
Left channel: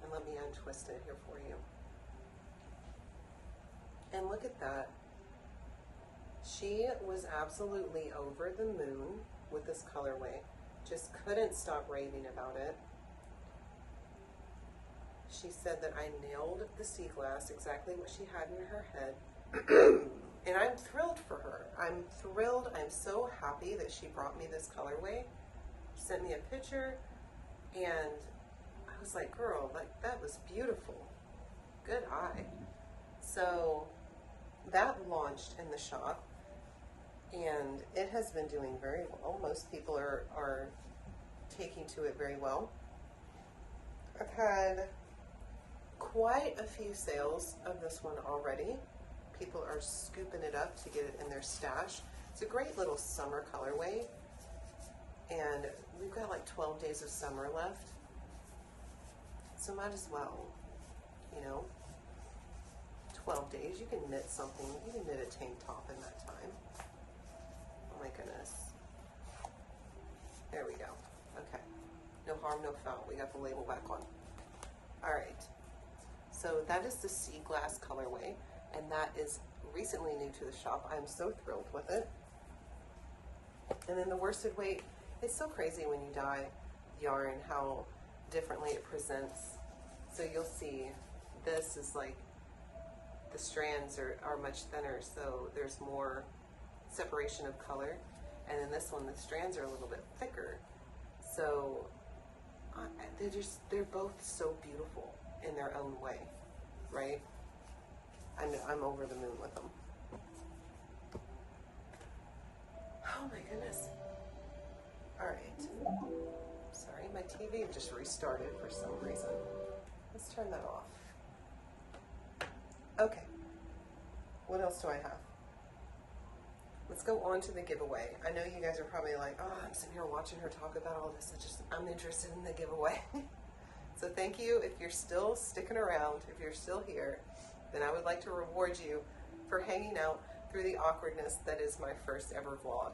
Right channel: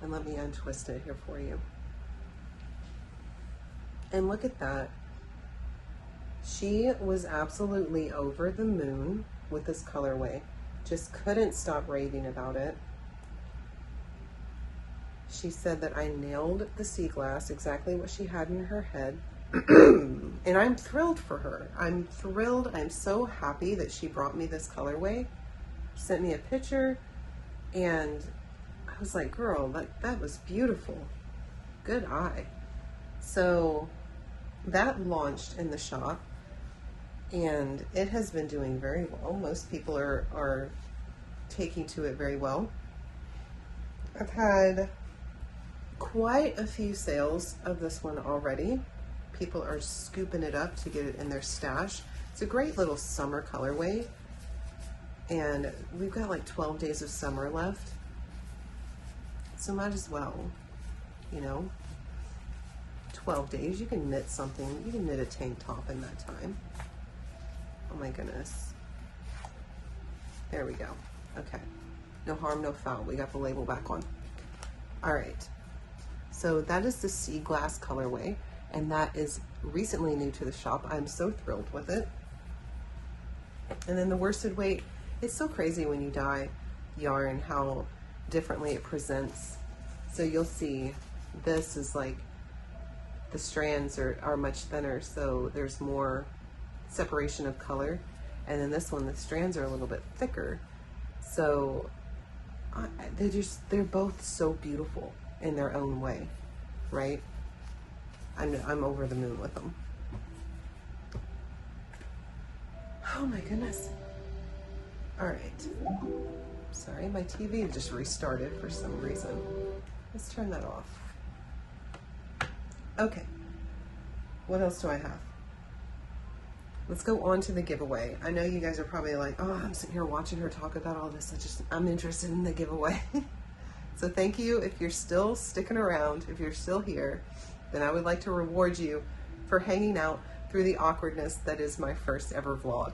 And let me untwist it here for you. And look at that. She was absolutely over the moon with this colorway. Just couldn't stop raving about it. She said that I nailed the sea glass, exactly what she had in her head. And I'm thrilled for her. I'm thrilled. I'm so happy that she brought me this colorway. She sent me a picture, and I was like, girl, that was beautiful. Good eye. So that launched in the shop, and it has been doing very well. Most people are taking to it very well. I've had quite a few sales of this one already. People are scooping it up to get it in their stash. It's a great little summer colorway, and we've got like 12 days of summer left, so might as well, you know, 12 days, you can knit something. You can knit a tank top in that time. Oh my goodness. There we go. Okay, no harm, no foul. We got the label back on. All right, so that is the sea glass colorway, and that is recently new to the shop. I'm so thrilled with it. And then the worsted weight, it's so crazy when you dye yarn how differently it presents. So you'll see this is like, the strands are much thinner, so there's more separation of color. And then this one, the strands are a little bit thicker. So they're both so beautiful in their own way, right? I'm over the moon with them. Oh my goodness. All right. Sorry, my TV just restarted for some reason. Let's turn that off. Okay, what else do I have? Let's go on to the giveaway. I know you guys are probably like, oh, I'm sitting here watching her talk about all this. I'm interested in the giveaway. So thank you. If you're still sticking around, if you're still here, then I would like to reward you for hanging out through the awkwardness that is my first ever vlog.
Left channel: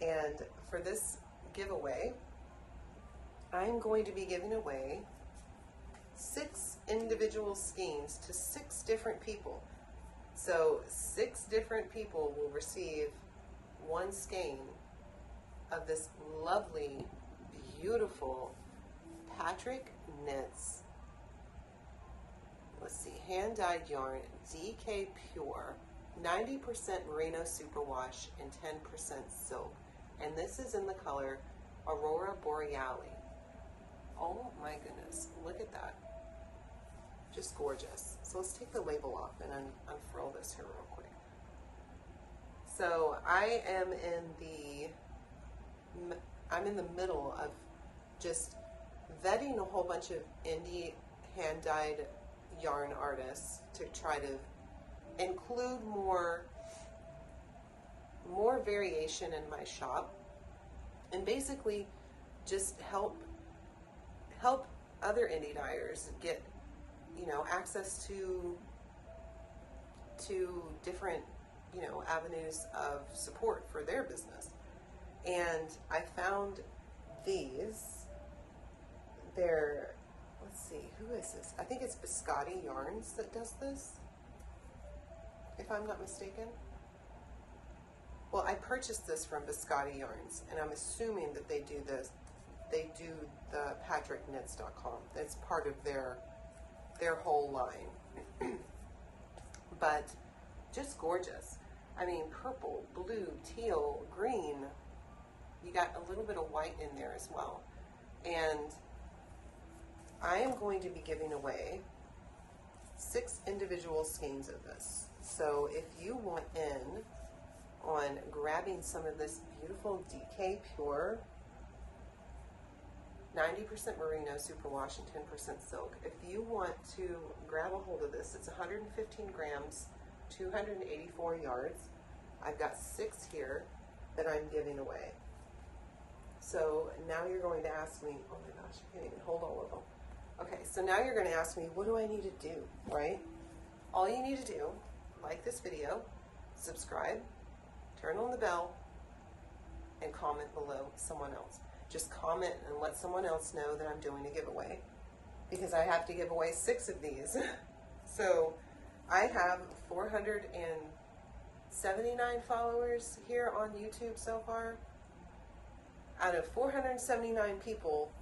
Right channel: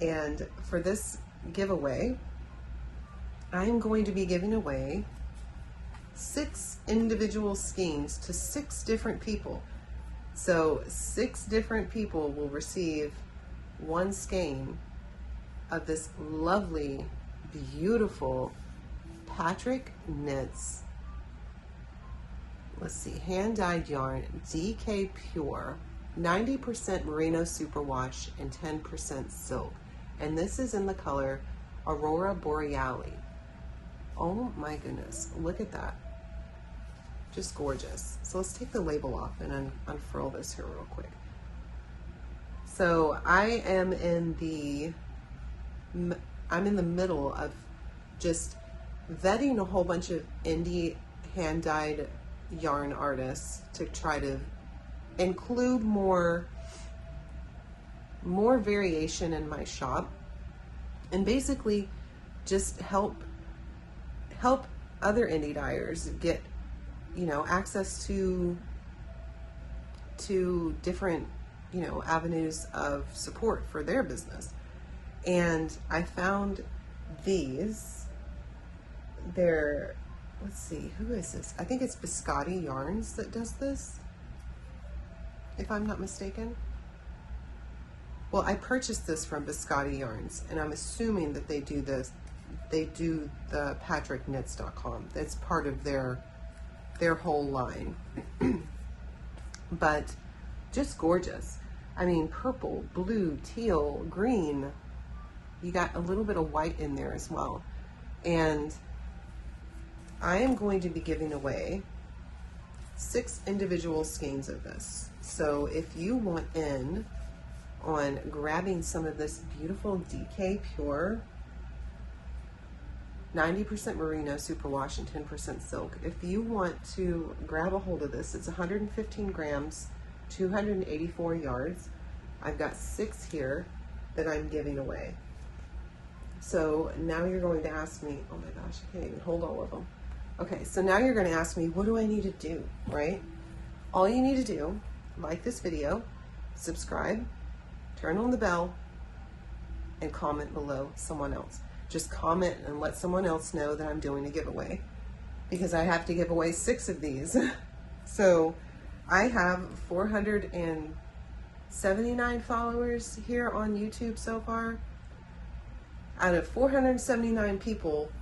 And for this giveaway, I'm going to be giving away 6 individual skeins to 6 different people. So 6 different people will receive 1 skein of this lovely, beautiful Patrick Knits, let's see, hand-dyed yarn, DK Pure, 90% merino superwash and 10% silk. And this is in the color Aurora Borealis. Oh my goodness, look at that. Just gorgeous. So let's take the label off and unfurl this here real quick. So I am in the middle of just vetting a whole bunch of indie hand-dyed yarn artists to try to include more variation in my shop, and basically just help other indie dyers get, you know, access to different, you know, avenues of support for their business. And I found these. They're, let's see, who is this? I think it's Biscotti Yarns that does this, if I'm not mistaken. Well, I purchased this from Biscotti Yarns, and I'm assuming that they do this. They do the patrickknits.com. That's part of their whole line. But just gorgeous. I mean, purple, blue, teal, green. You got a little bit of white in there as well. And I am going to be giving away 6 individual skeins of this. So if you want in on grabbing some of this beautiful DK Pure 90% merino superwash and 10% silk, if you want to grab a hold of this, it's 115 grams, 284 yards. I've got 6 here that I'm giving away. So now you're going to ask me, oh my gosh, I can't even hold all of them. Okay, so now you're going to ask me, what do I need to do, right? All you need to do, like this video, subscribe, turn on the bell, and comment below someone else. Just comment and let someone else know that I'm doing a giveaway, because I have to give away 6 of these. So I have 479 followers here on YouTube so far. Out of 479 people,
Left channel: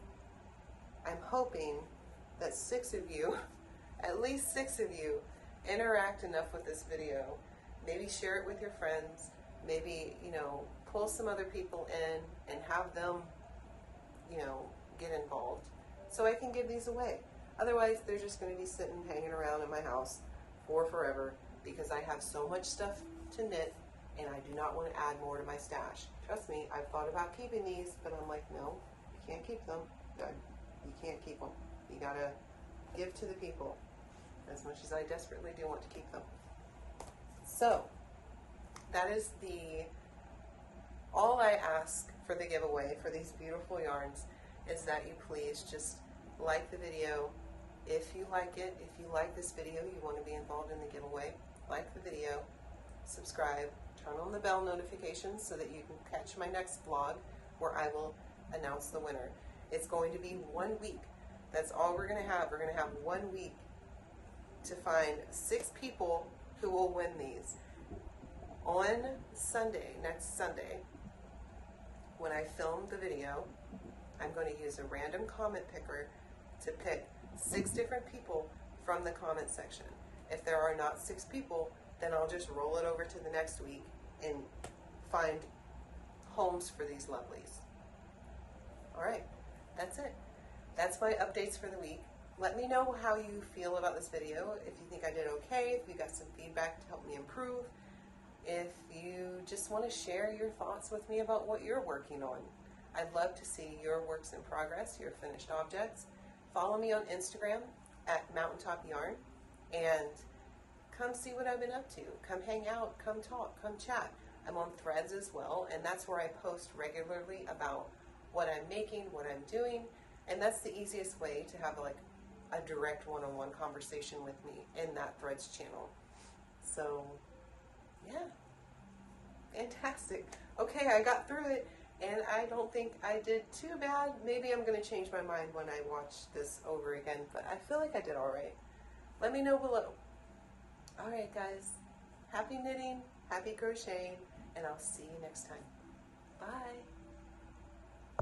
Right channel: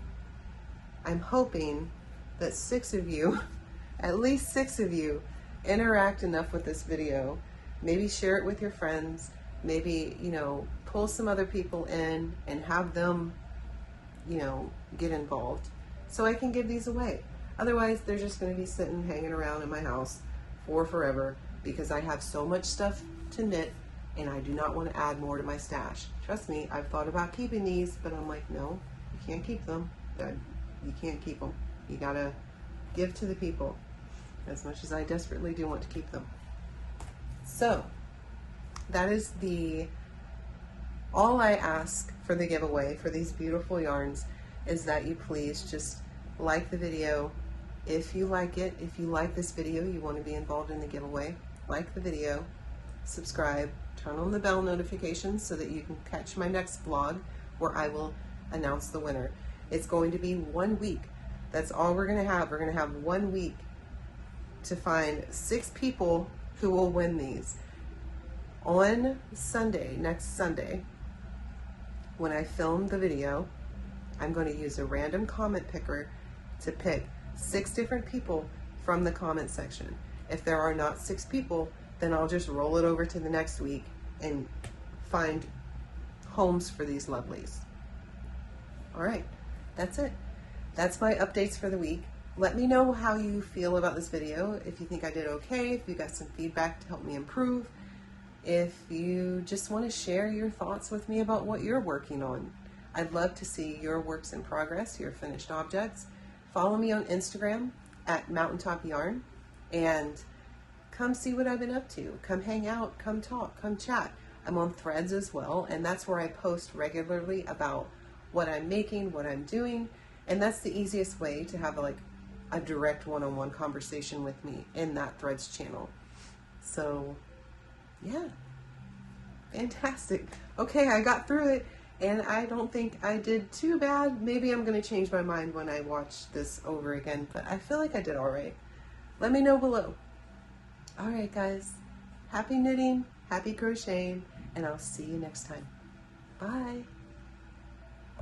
I'm hoping that 6 of you, at least 6 of you, interact enough with this video. Maybe share it with your friends. Maybe, you know, pull some other people in and have them, you know, get involved so I can give these away. Otherwise, they're just going to be sitting, hanging around in my house for forever, because I have so much stuff to knit and I do not want to add more to my stash. Trust me, I've thought about keeping these, but I'm like, no, you can't keep them. You can't keep them. You gotta give to the people, as much as I desperately do want to keep them. So that is all I ask for the giveaway for these beautiful yarns, is that you please just like the video. If you like it, if you like this video, you want to be involved in the giveaway, like the video, subscribe, turn on the bell notifications so that you can catch my next vlog where I will announce the winner. It's going to be 1 week. That's all we're going to have. We're going to have 1 week to find 6 people who will win these. On Sunday, next Sunday, when I film the video, I'm going to use a random comment picker to pick 6 different people from the comment section. If there are not 6 people, then I'll just roll it over to the next week and find homes for these lovelies. All right, that's it. That's my updates for the week. Let me know how you feel about this video. If you think I did okay, if you got some feedback to help me improve, if you just want to share your thoughts with me about what you're working on. I'd love to see your works in progress, your finished objects. Follow me on Instagram at Mountaintop Yarn and come see what I've been up to. Come hang out, come talk, come chat. I'm on Threads as well, and that's where I post regularly about what I'm making, what I'm doing, and that's the easiest way to have a direct one-on-one conversation with me in that Threads channel. So yeah, fantastic. Okay, I got through it, and I don't think I did too bad. Maybe I'm going to change my mind when I watch this over again, but I feel like I did all right. Let me know below. All right, guys. Happy knitting, happy crocheting, and I'll see you next time. Bye.